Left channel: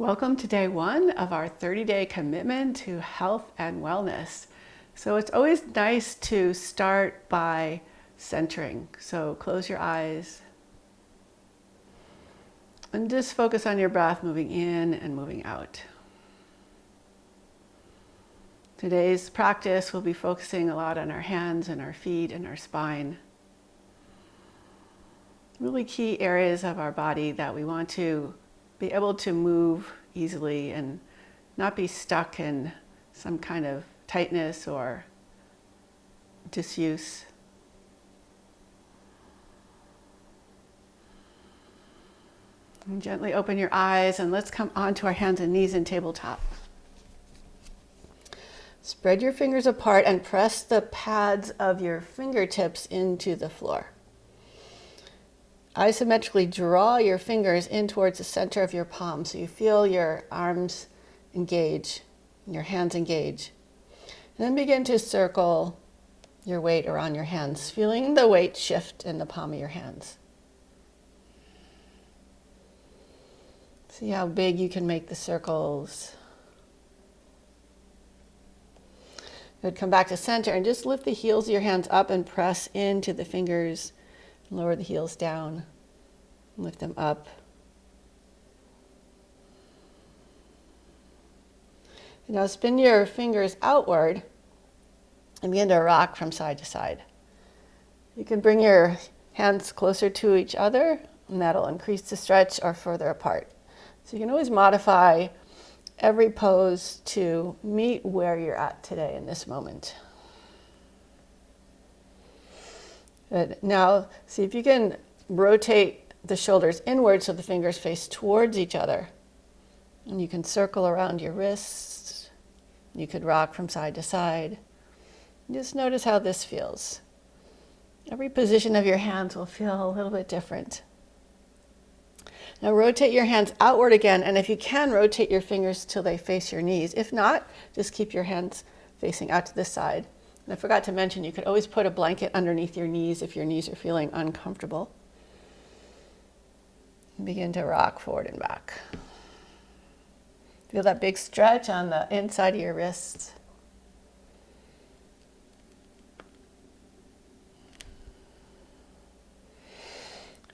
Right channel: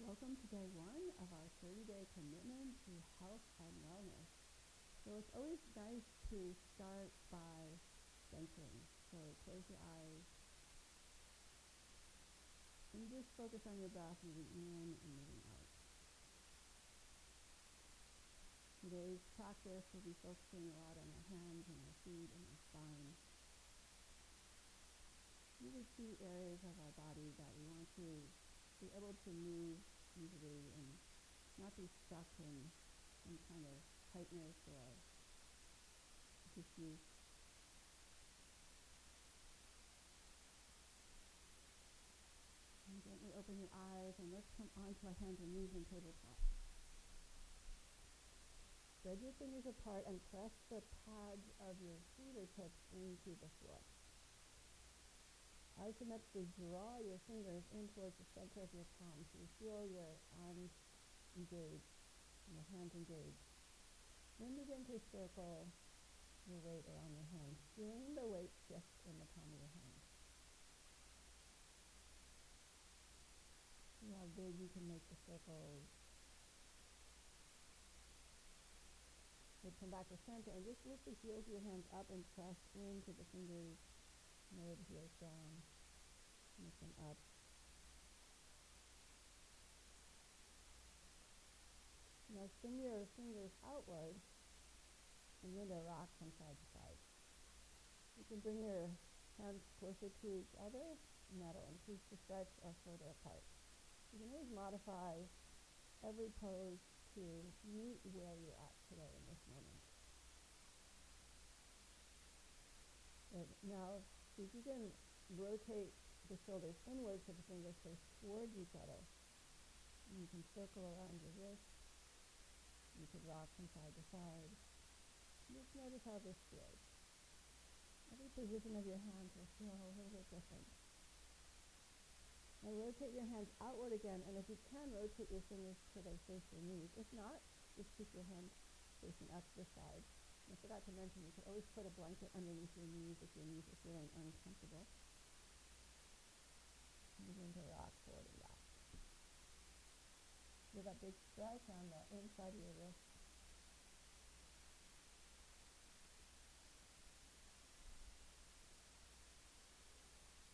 Welcome to day one of our 30-day commitment to health and wellness. So it's always nice to start by centering. So close your eyes and just focus on your breath moving in and moving out. Today's practice will be focusing a lot on our hands and our feet and our spine. Really key areas of our body that we want to be able to move easily and not be stuck in some kind of tightness or disuse. And gently open your eyes and let's come onto our hands and knees in tabletop. Spread your fingers apart and press the pads of your fingertips into the floor. Isometrically draw your fingers in towards the center of your palm so you feel your arms engage and your hands engage. And then begin to circle your weight around your hands, feeling the weight shift in the palm of your hands. See how big you can make the circles. Good. Come back to center and just lift the heels of your hands up and press into the fingers. Lower the heels down, lift them up. Now spin your fingers outward and begin to rock from side to side. You can bring your hands closer to each other and that'll increase the stretch or further apart. So you can always modify every pose to meet where you're at today in this moment. Good. Now, see if you can rotate the shoulders inward so the fingers face towards each other. And you can circle around your wrists. You could rock from side to side. Just notice how this feels. Every position of your hands will feel a little bit different. Now rotate your hands outward again, and if you can, rotate your fingers till they face your knees. If not, just keep your hands facing out to the side. And I forgot to mention, you could always put a blanket underneath your knees if your knees are feeling uncomfortable. Begin to rock forward and back. Feel that big stretch on the inside of your wrists.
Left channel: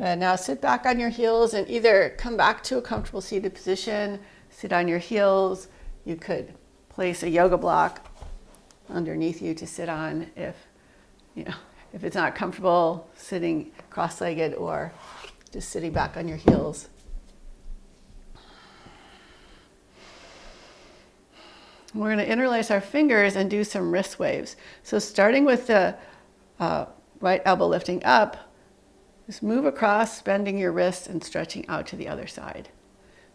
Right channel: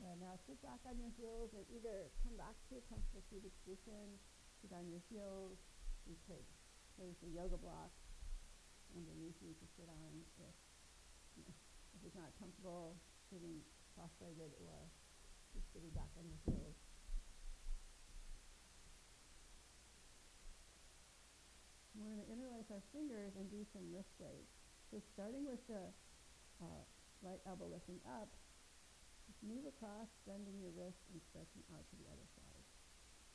And now sit back on your heels and either come back to a comfortable seated position, sit on your heels. You could place a yoga block underneath you to sit on if it's not comfortable sitting cross-legged or just sitting back on your heels. We're going to interlace our fingers and do some wrist waves. So starting with the right elbow lifting up, just move across, bending your wrist and stretching out to the other side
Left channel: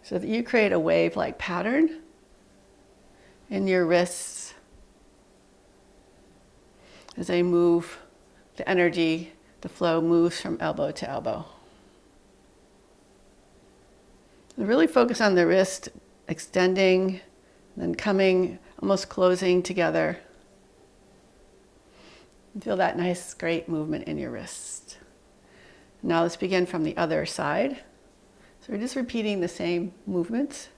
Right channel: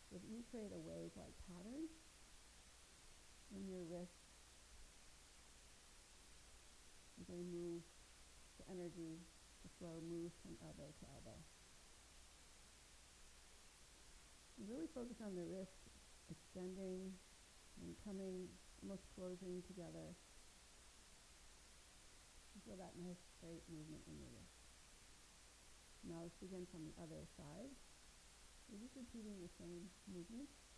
so that you create a wave-like pattern in your wrists as they move. The energy, the flow moves from elbow to elbow. And really focus on the wrist extending, then coming, almost closing together. And feel that nice, great movement in your wrist. Now let's begin from the other side. So we're just repeating the same movements.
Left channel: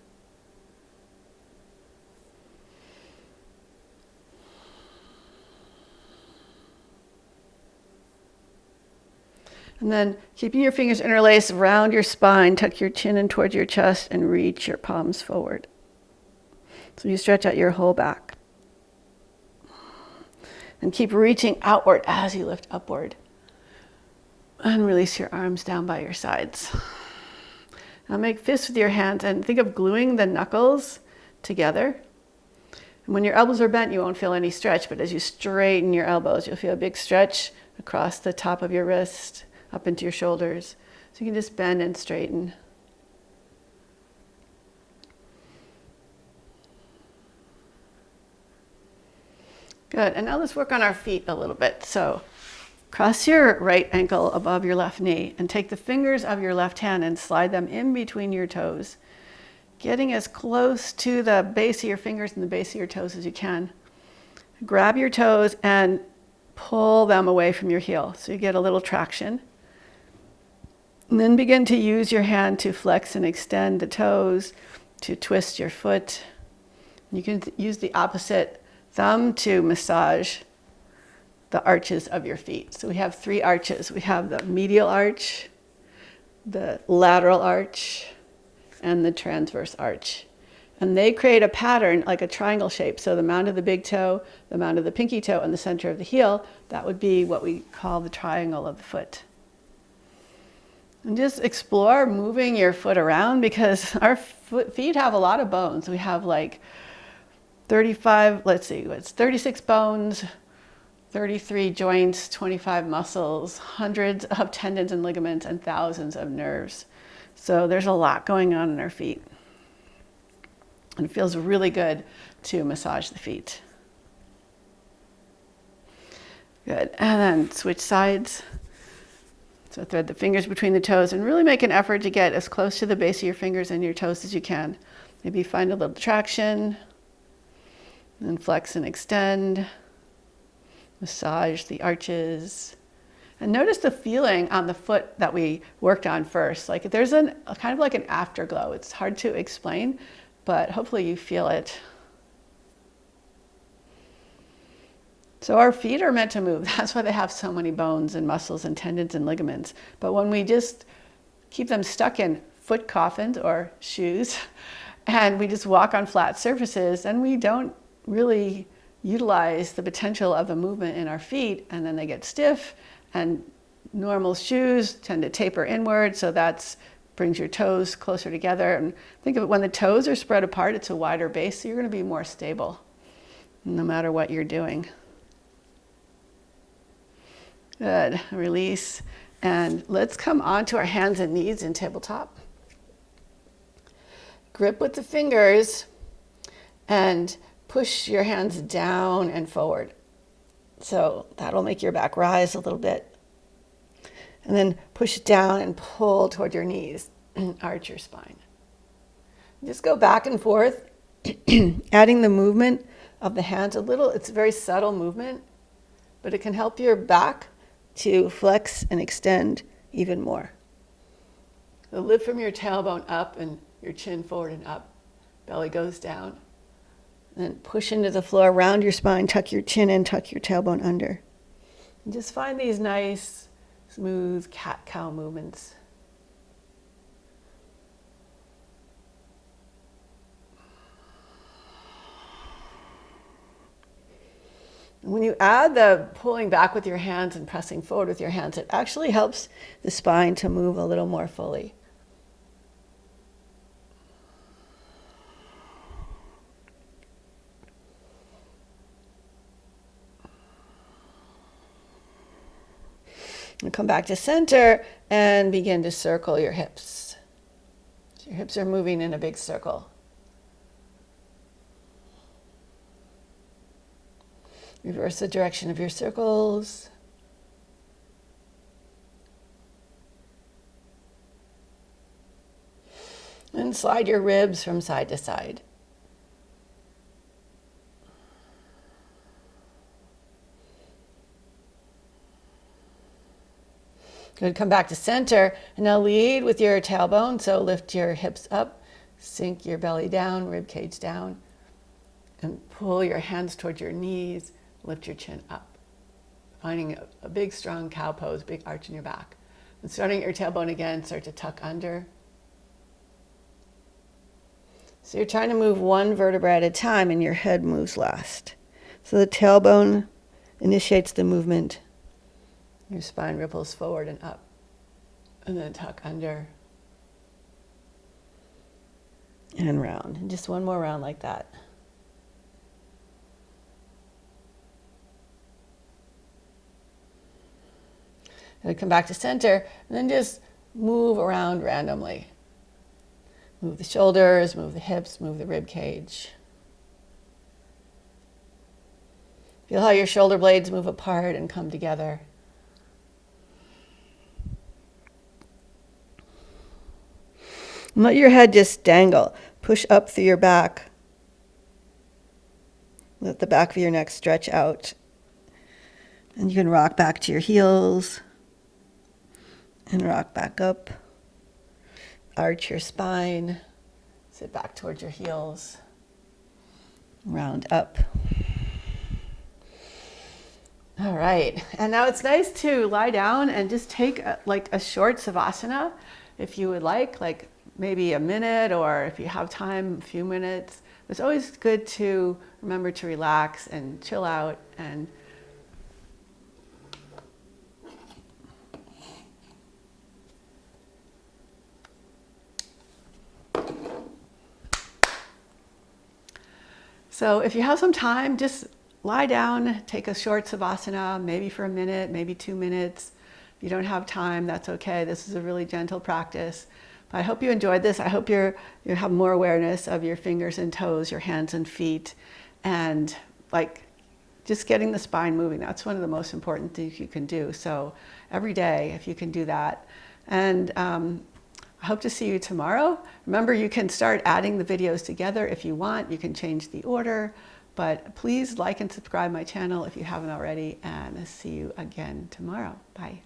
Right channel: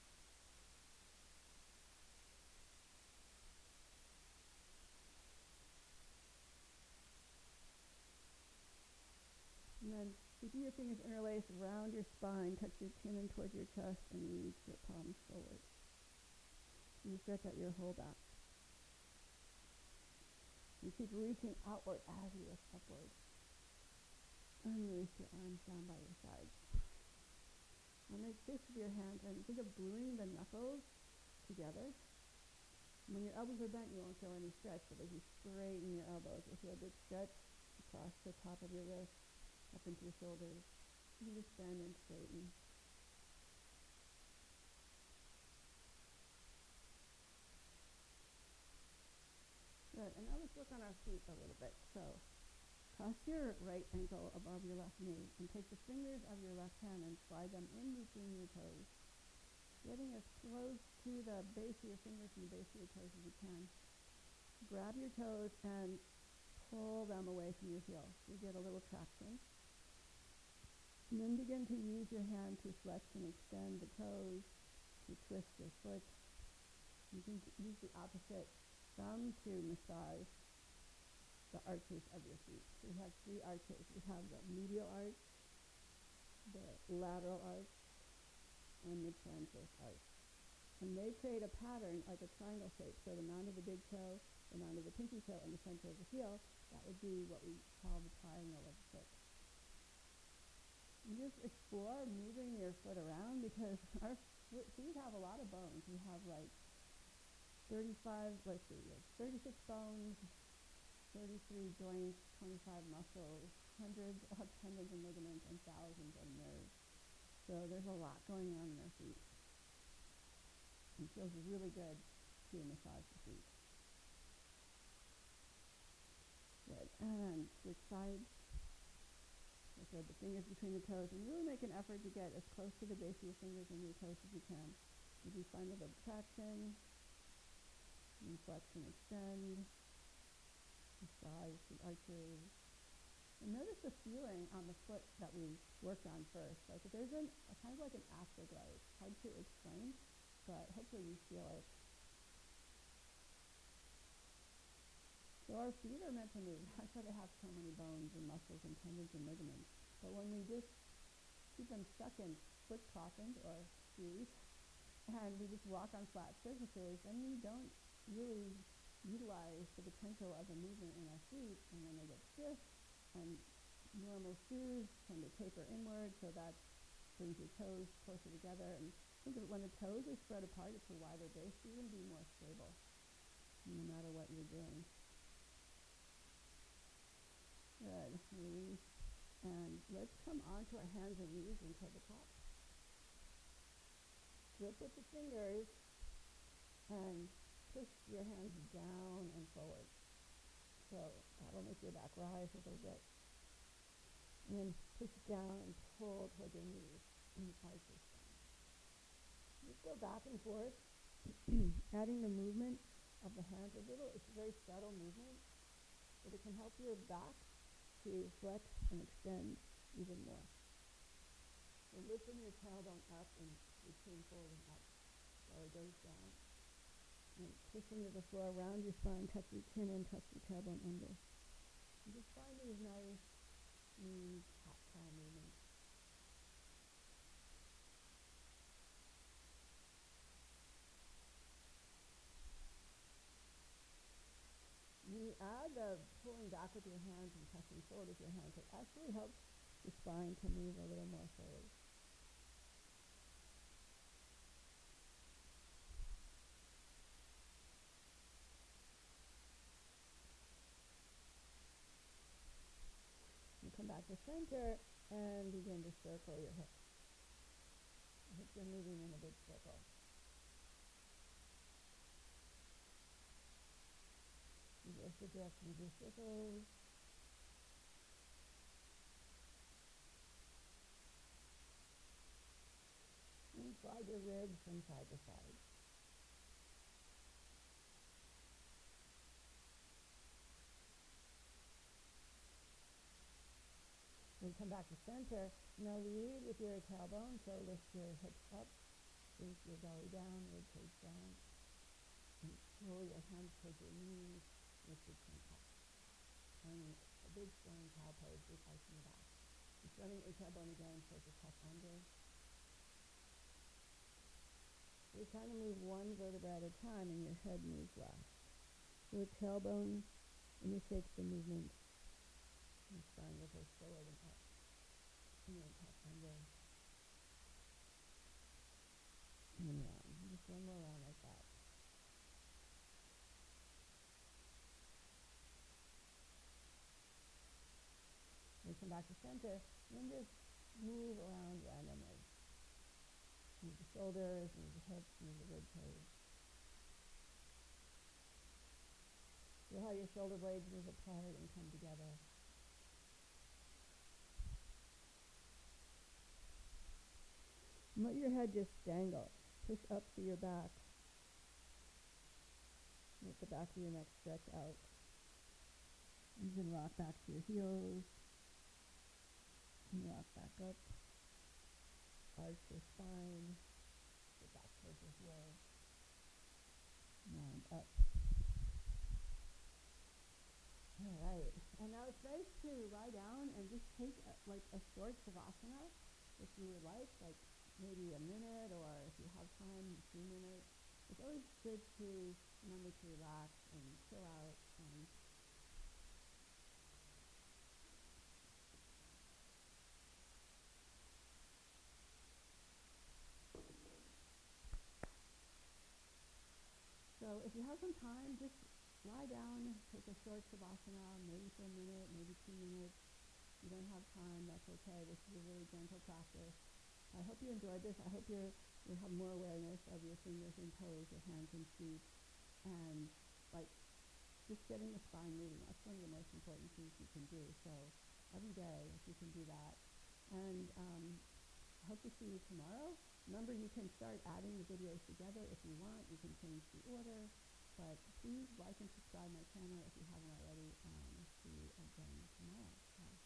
And then keeping your fingers interlaced around your spine, tuck your chin in towards your chest and reach your palms forward. So you stretch out your whole back. And keep reaching outward as you lift upward. And release your arms down by your sides. Now make fists with your hands and think of gluing the knuckles together. And when your elbows are bent, you won't feel any stretch, but as you straighten your elbows, you'll feel a big stretch across the top of your wrist, up into your shoulders. So you can just bend and straighten. Good, and now let's work on our feet a little bit. So cross your right ankle above your left knee and take the fingers of your left hand and slide them in between your toes, getting as close to the base of your fingers and the base of your toes as you can. Grab your toes and pull them away from your heel so you get a little traction. And then begin to use your hand to flex and extend the toes to twist your foot. You can use the opposite thumb to massage the arches of your feet. So we have 3 arches. We have the medial arch, the lateral arch, and the transverse arch. And they create a pattern like a triangle shape. So the mound of the big toe, the mound of the pinky toe, and the center of the heel, that would be what we call the triangle of the foot. And just explore moving your foot around, because our feet have a lot of bones. We have like 36 bones, 33 joints, 25 muscles, hundreds of tendons and ligaments, and thousands of nerves. So there's a lot going on in our feet. And it feels really good to massage the feet. Good. And then switch sides. So thread the fingers between the toes and really make an effort to get as close to the base of your fingers and your toes as you can. Maybe find a little traction. And flex and extend. Massage the arches. And notice the feeling on the foot that we worked on first. Like there's a kind of like an afterglow. It's hard to explain, but hopefully you feel it. So our feet are meant to move. That's why they have so many bones and muscles and tendons and ligaments. But when we just keep them stuck in foot coffins or shoes, and we just walk on flat surfaces, and we don't really utilize the potential of the movement in our feet, and then they get stiff, and normal shoes tend to taper inward, so that brings your toes closer together. And think of it, when the toes are spread apart, it's a wider base, so you're going to be more stable no matter what you're doing. Good. Release. And let's come onto our hands and knees in tabletop. Grip with the fingers and push your hands down and forward. So that'll make your back rise a little bit. And then push down and pull toward your knees. Arch your spine. Just go back and forth, adding the movement of the hands a little. It's a very subtle movement, but it can help your back to flex and extend even more. So lift from your tailbone up and your chin forward and up. Belly goes down. And then push into the floor, round your spine, tuck your chin in, tuck your tailbone under. And just find these nice, smooth cat-cow movements. When you add the pulling back with your hands and pressing forward with your hands, it actually helps the spine to move a little more fully. And come back to center and begin to circle your hips. So your hips are moving in a big circle. Reverse the direction of your circles. And slide your ribs from side to side. Good. Come back to center. And now lead with your tailbone. So lift your hips up, sink your belly down, rib cage down, and pull your hands towards your knees. Lift your chin up, finding a big, strong cow pose, big arch in your back. And starting at your tailbone again, start to tuck under. So you're trying to move one vertebra at a time, and your head moves last. So the tailbone initiates the movement. Your spine ripples forward and up, and then tuck under and round. And just one more round like that. And come back to center, and then just move around randomly. Move the shoulders, move the hips, move the rib cage. Feel how your shoulder blades move apart and come together. And let your head just dangle. Push up through your back. Let the back of your neck stretch out. And you can rock back to your heels. And rock back up. Arch your spine. Sit back towards your heels. Round up. All right, and now it's nice to lie down and just take like a short savasana if you would like maybe a minute, or if you have time, a few minutes. It's always good to remember to relax and chill out. And so if you have some time, just lie down, take a short savasana, maybe for a minute, maybe 2 minutes. If you don't have time, that's okay. This is a really gentle practice. But I hope you enjoyed this. I hope you have more awareness of your fingers and toes, your hands and feet, and like just getting the spine moving. That's one of the most important things you can do. So every day, if you can do that. And I hope to see you tomorrow. Remember, you can start adding the videos together if you want. You can change the order. But please like and subscribe my channel if you haven't already, and I'll see you again tomorrow. Bye.